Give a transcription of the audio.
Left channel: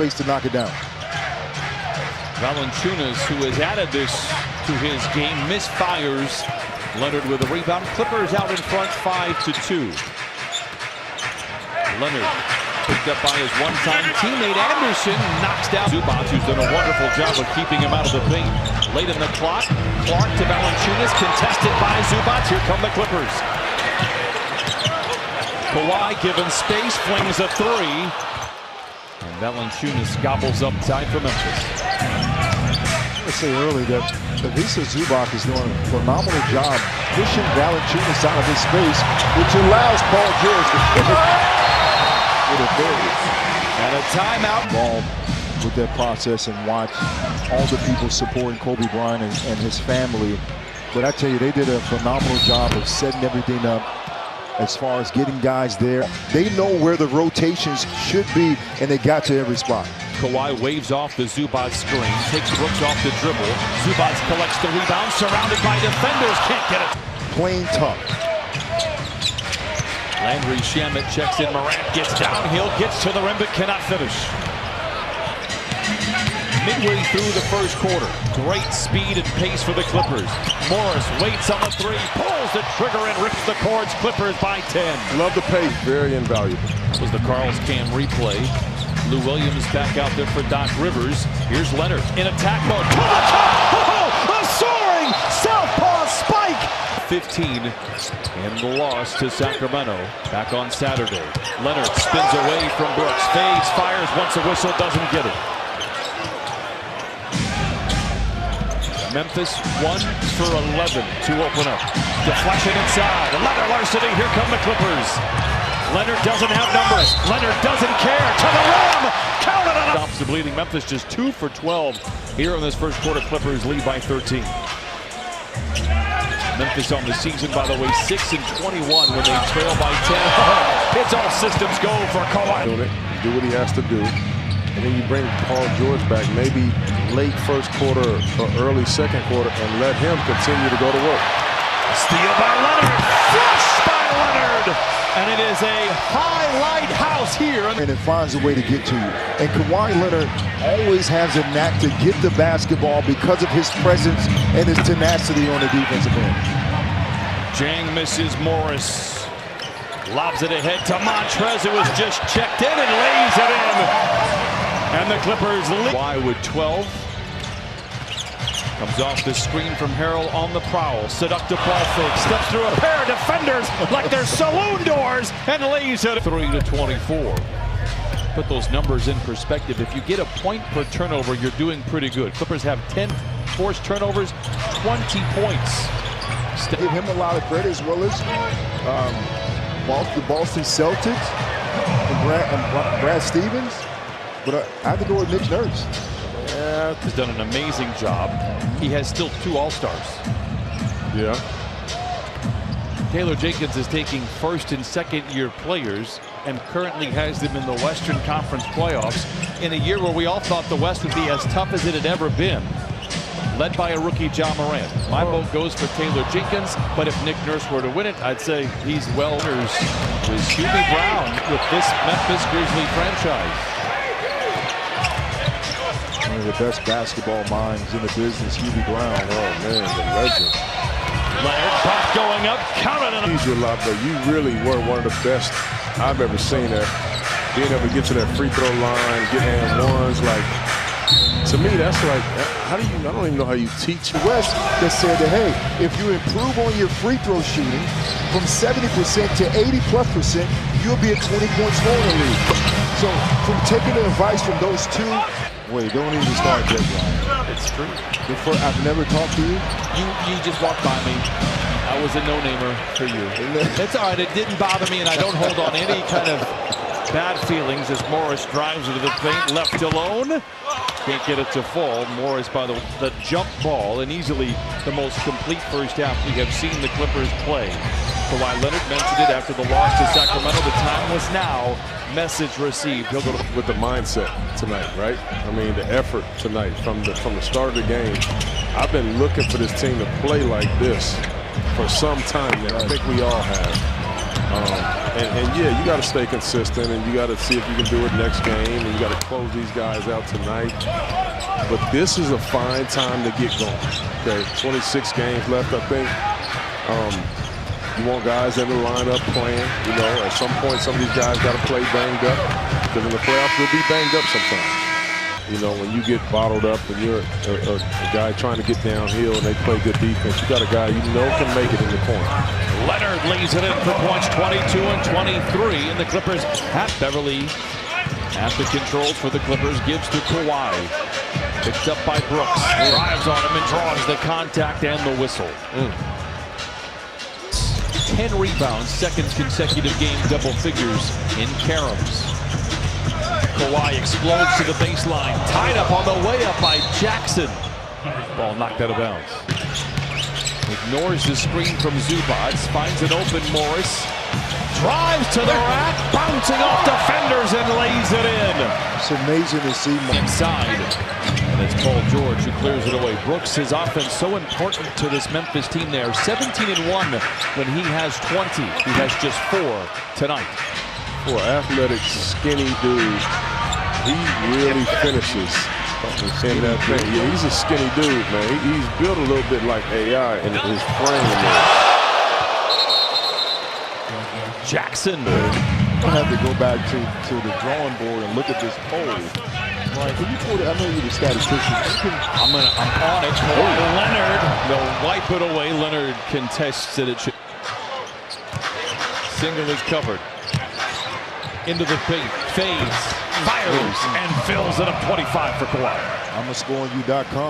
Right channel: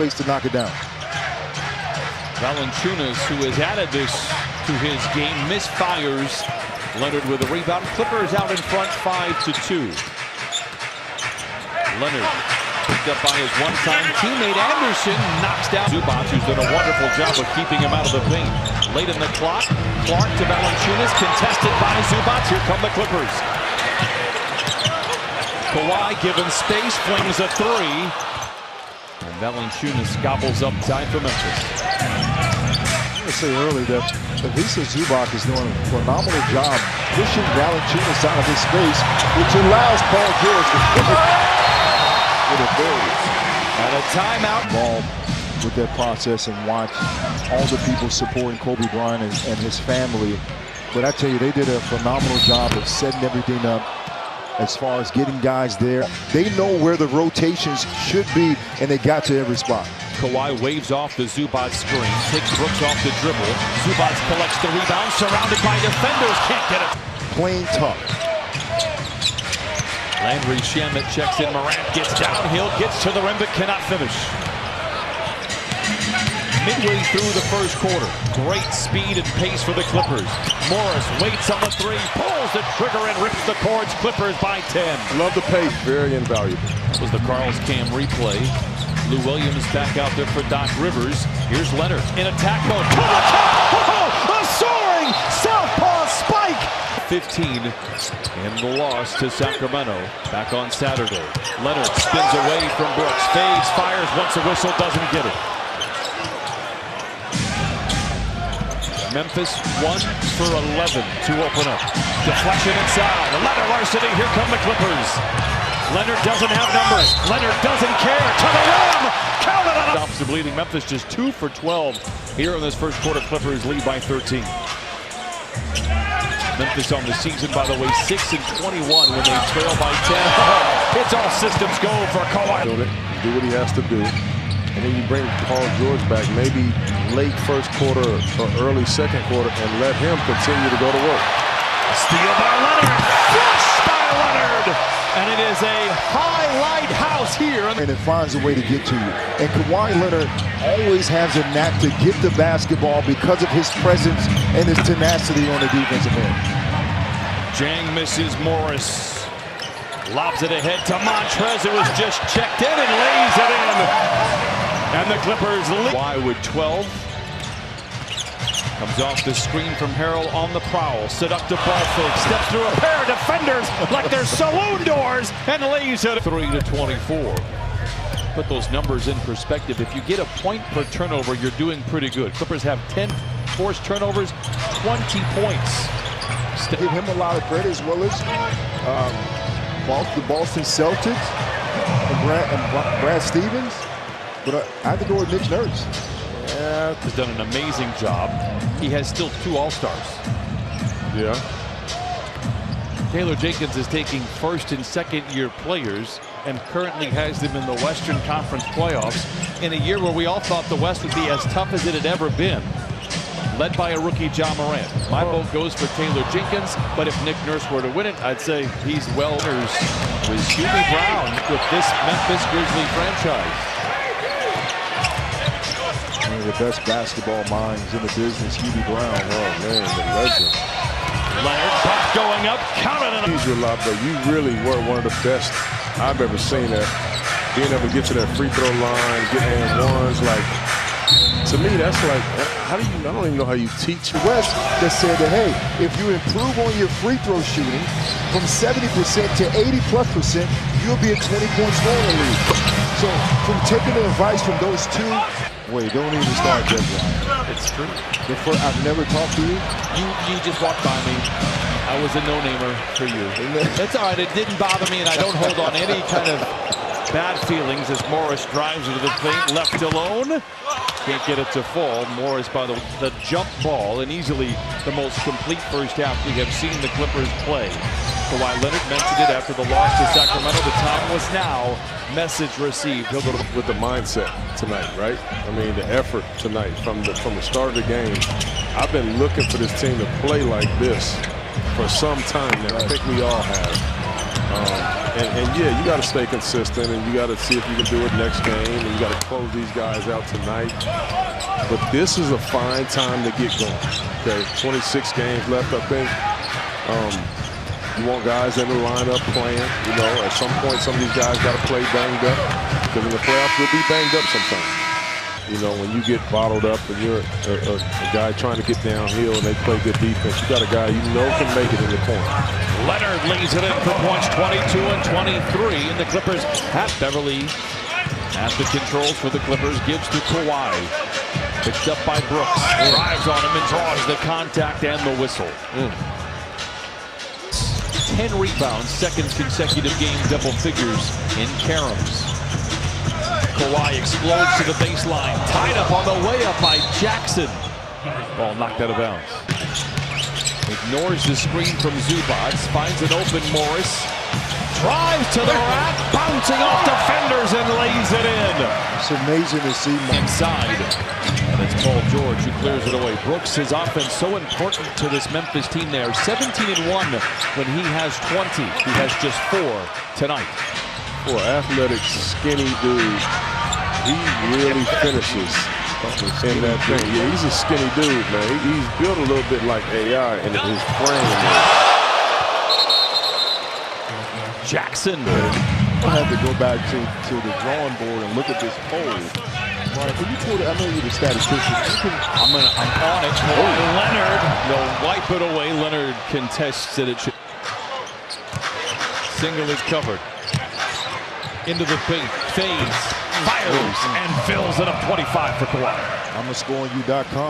place to knock it down. Valanciunas, who has added this to his game, misfires. Leonard with a rebound. Clippers out in front 5-2. Leonard picked up by his one-time teammate Anderson, knocks down Zubac, who's done a wonderful job of keeping him out of the paint. Late in the clock, Clark to Valanciunas, contested by Zubac. Here come the Clippers. Kawhi given space, flings a three. And Valanciunas gobbles up time for Memphis. I want to say earlier that Ivica Zubac is doing a phenomenal job pushing Valanciunas out of his space, which allows Paul George to finish with authority. And a timeout. Ball with that process and watch all the people supporting Kobe Bryant and his family. But I tell you, they did a phenomenal job of setting everything up as far as getting guys there. They know where the rotations should be, and they got to every spot. Kawhi waves off the Zubac screen, takes Brooks off the dribble. Zubac collects the rebound, surrounded by defenders, can't get it. Playing tough. Landry Shamet checks in, Morant gets downhill, gets to the rim, but cannot finish. Midway through the first quarter, great speed and pace for the Clippers. Morris waits on the three, pulls the trigger and rips the cords. Clippers by 10. Love the pace, very invaluable. That was the Carl's Cam replay. Lou Williams back out there for Doc Rivers. Here's Leonard in attack mode. To the cup! Oh, a soaring southpaw spike! 15 in the loss to Sacramento back on Saturday. Leonard spins away from Brooks, fades, fires once a whistle, doesn't get it. Memphis 1 for 11 to open up. Deflection inside. Leonard larceny. Here come the Clippers. Leonard doesn't have numbers. Leonard doesn't care. To the rim. Counted on. Stops the bleeding. Memphis just 2 for 12 here in this first quarter. Clippers lead by 13. Memphis on the season, by the way, 6-21 when they trail by 10. Oh, it's all systems go for Kawhi. Do what he has to do. And then you bring Paul George back maybe late first quarter or early second quarter and let him continue to go to work. Steal by Leonard. Flush by Leonard. And it is a highlight house here. And it finds a way to get to you. And Kawhi Leonard always has a knack to get the basketball because of his presence and his tenacity on the defensive end. Jang misses Morris. Lobs it ahead to Montrez, who was just checked in and lays it in. And the Clippers lead. Kawhi with 12. Comes off the screen from Harrell on the prowl. Seductive ball fake. Steps through a pair of defenders like they're saloon doors and lays it. 3-24. Put those numbers in perspective. If you get a point per turnover, you're doing pretty good. Clippers have 10 forced turnovers, 20 points. Give him a lot of credit, as well as the Boston Celtics and Brad Stevens. But I have to go with Nick Nurse. Yeah, has done an amazing job. He has still 2 All-Stars. Yeah. Taylor Jenkins is taking first and second year players and currently has them in the Western Conference playoffs in a year where we all thought the West would be as tough as it had ever been. Led by a rookie, Ja Morant. My vote goes for Taylor Jenkins, but if Nick Nurse were to win it, I'd say he's well. Was Hubie Brown with this Memphis Grizzlies franchise. One of the best basketball minds in the business, Hubie Brown. Oh, man, the legend. Leonard, pop going up, counted on him. You a lot, but you really were one of the best I've ever seen at being able to get to that free throw line, get and ones. Like, to me, that's like, how do you, I don't even know how you teach. West that said that, hey, if you improve on your free throw shooting from 70% to 80+%, you'll be a 20-point scorer in the league. So, from taking the advice from those two, wait, don't even start that, Brian. It's true. I've never talked to you. You just walked by me. I was a no-namer for you. It's all right. It didn't bother me, and I don't hold on any kind of bad feelings as Morris drives into the paint, left alone. Can't get it to fall. Morris by the jump ball, and easily the most complete first half we have seen the Clippers play. Kawhi Leonard mentioned it after the loss to Sacramento. The time was now. Message received. He'll go with the mindset tonight, right? I mean, the effort tonight from the start of the game. I've been looking for this team to play like this for some time now. I think we all have. And yeah, you got to stay consistent, and you got to see if you can do it next game, and you got to close these guys out tonight. But this is a fine time to get going. Okay, 26 games left, I think. You want guys in the lineup playing. You know, at some point, some of these guys got to play banged up, because in the playoffs, you'll be banged up sometimes. You know, when you get bottled up and you're a guy trying to get downhill and they play good defense, you got a guy you know can make it in the corner. Leonard lays it in for points, 22 and 23, and the Clippers have Beverly at the controls for the Clippers, gives to Kawhi. Picked up by Brooks, drives on him and draws the contact and the whistle. 10 rebounds, second consecutive game double figures in caroms. Kawhi explodes to the baseline, tied up on the way up by Jackson. Ball knocked out of bounds. Ignores the screen from Zubac, finds an open Morris, drives to the rack, bouncing off defenders and lays it in. It's amazing to see inside, and it's Paul George who clears it away. Brooks, his offense so important to this Memphis team. There 17-1 when he has 20. He has just 4 tonight. For an athletic, skinny dude, he really finishes in that thing. Yeah, he's a skinny dude, man. He's built a little bit like AI in his frame there. Jackson. I'll have to go back to the drawing board and look at this poll. Right, can you pull it? I know you're the statistician. I'm on it. Kawhi Leonard, they'll wipe it away. Leonard contests it. It should singly covered. Into the paint, fades, fires, and fills it up 25 for Kawhi. I'm a scoringyou.com.